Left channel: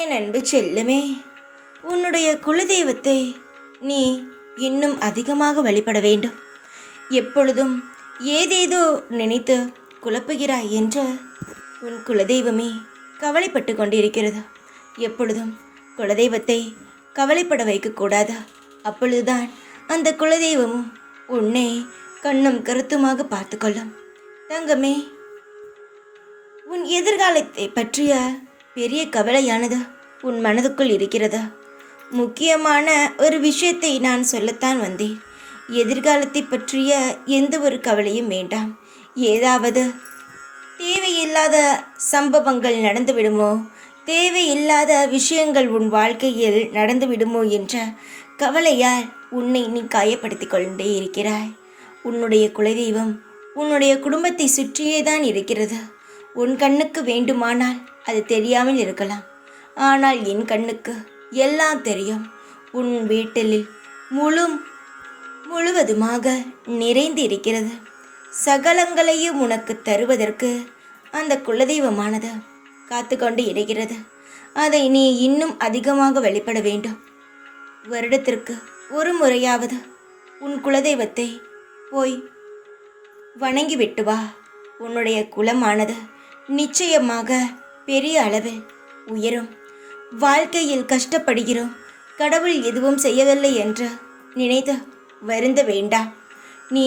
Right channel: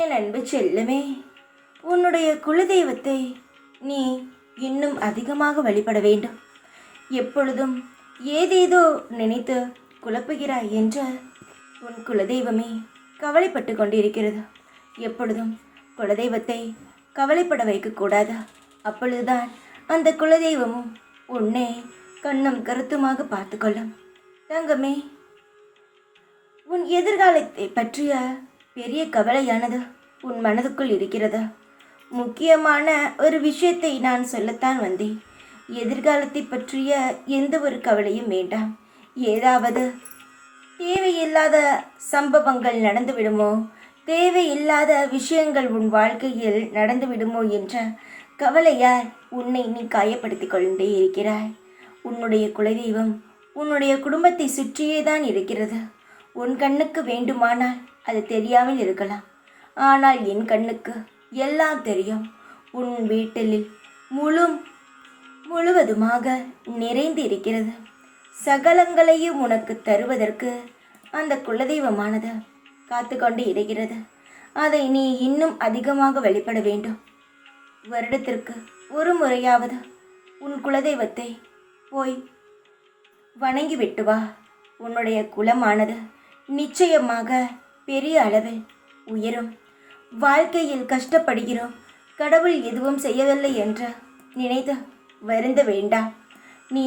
என் அன்பு செல்லமே, உன்னுடைய குலதெய்வத்தை நீ இன்னும் அதிகமாக வழிபட வேண்டும். எப்பொழுதும் ஏதேதோ நினைத்து குழப்புகிறாய் என்று உன் குலதெய்வமே கவலைப்பட்டு கொண்டிருக்கிறது. எப்பொழுதும் குலதெய்வத்தை கவலைப்பட வைக்கக்கூடாது. அப்பொழுதுதான் அந்த குலதெய்வமும் உன்னை கண்ணும் கருத்துமாக பார்த்து கொள்ளும். தங்கமே, உன் எதிர்காலத்தை பற்றிய பெரிய கவலையானது உன் மனதுக்குள் இருக்கிறதா? முக்கியமான ஒரு விஷயத்தை நான் சொல்லத்தான் வந்தேன். எதிர்காலத்தை பற்றிய எந்த ஒரு கவலையும் வேண்டாம். ஏதாவது தேவையில்லாத சம்பவங்கள் நடந்துவிடுமோ, தேவையில்லாத விஷயங்கள் உன் வாழ்க்கையில் நடந்துவிடுமோ என்ற கவலையால் உன்னை நீ காயப்படுத்தி கொண்டே இருக்கிறாய். உன்னுடைய குலதெய்வம் உன்னுடைய குடும்பத்தை சுற்றியே தான் இருக்கிறது. உன் கண்ணுக்கு வேண்டுமானால் அது தெரியாமல் இருக்கலாம். ஆனால் என் கண்ணுக்கு எல்லாம் தெரியும். உன் வீட்டில் முழுவதுமாக நிறைந்து இருக்கிறது. சகலங்களையும் உனக்கு தருவதற்கு அந்த குலதெய்வமானது காத்து கொண்டு இருக்கிறது. அதை நீ இன்னும் அதிகமாக வழிபட வேண்டும். வருடத்திற்கு ஒரு முறையாவது உன் குலதெய்வத்தை போய் வணங்கிவிட்டு வா. உன்னுடைய குலமானது நிச்சயமாக பெரிய அளவில் உயரும். வாழ்க்கையில் கஷ்டப்படுகிறோம், கடவுள் எதுவும் செய்யவில்லை என்று நினைத்து வருந்த வேண்டாம். நீ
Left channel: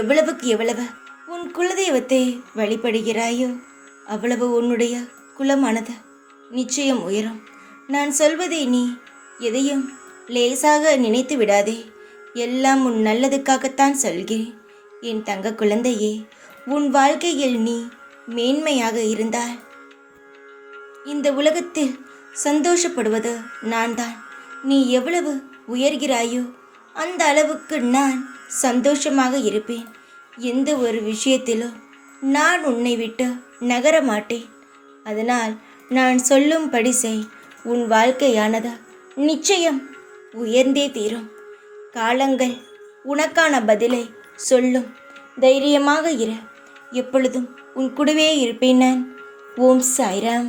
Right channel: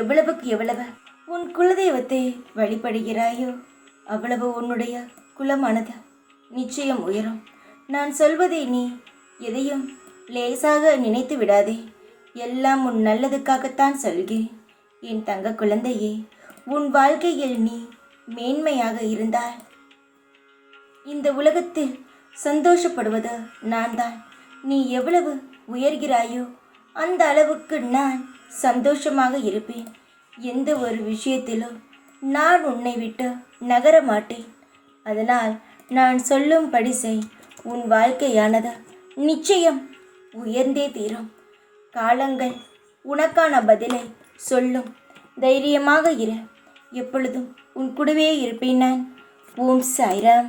எவ்வளவுக்கு எவ்வளவு உன் குலதெய்வத்தை வழிபடுகிறாயோ அவ்வளவு உன்னுடைய குலமானது நிச்சயம் உயரும். நான் சொல்வதை நீ எதையும் லேசாக நினைத்து விடாதே. எல்லாம் உன் நல்லதுக்காகத்தான் சொல்கிறேன். என் தங்க குழந்தையே, உன் வாழ்க்கையில் நீ மேன்மையாக இருந்தால் இந்த உலகத்தில் சந்தோஷப்படுவது நான் தான். நீ எவ்வளவு உயர்கிறாயோ அந்த அளவுக்கு நான் சந்தோஷமாக இருப்பேன். எந்த ஒரு விஷயத்திலும் நான் உன்னை விட்டு நகர மாட்டேன். அதனால் நான் சொல்லும்படி செய். உன் வாழ்க்கையானது நிச்சயம் உயர்ந்தே தீரும். காலங்கள் உனக்கான பதிலை சொல்லும். தைரியமாக இரு. எப்பொழுதும் உன் கூடவே இருப்பேன் நான். ஓம் சாய்ராம்.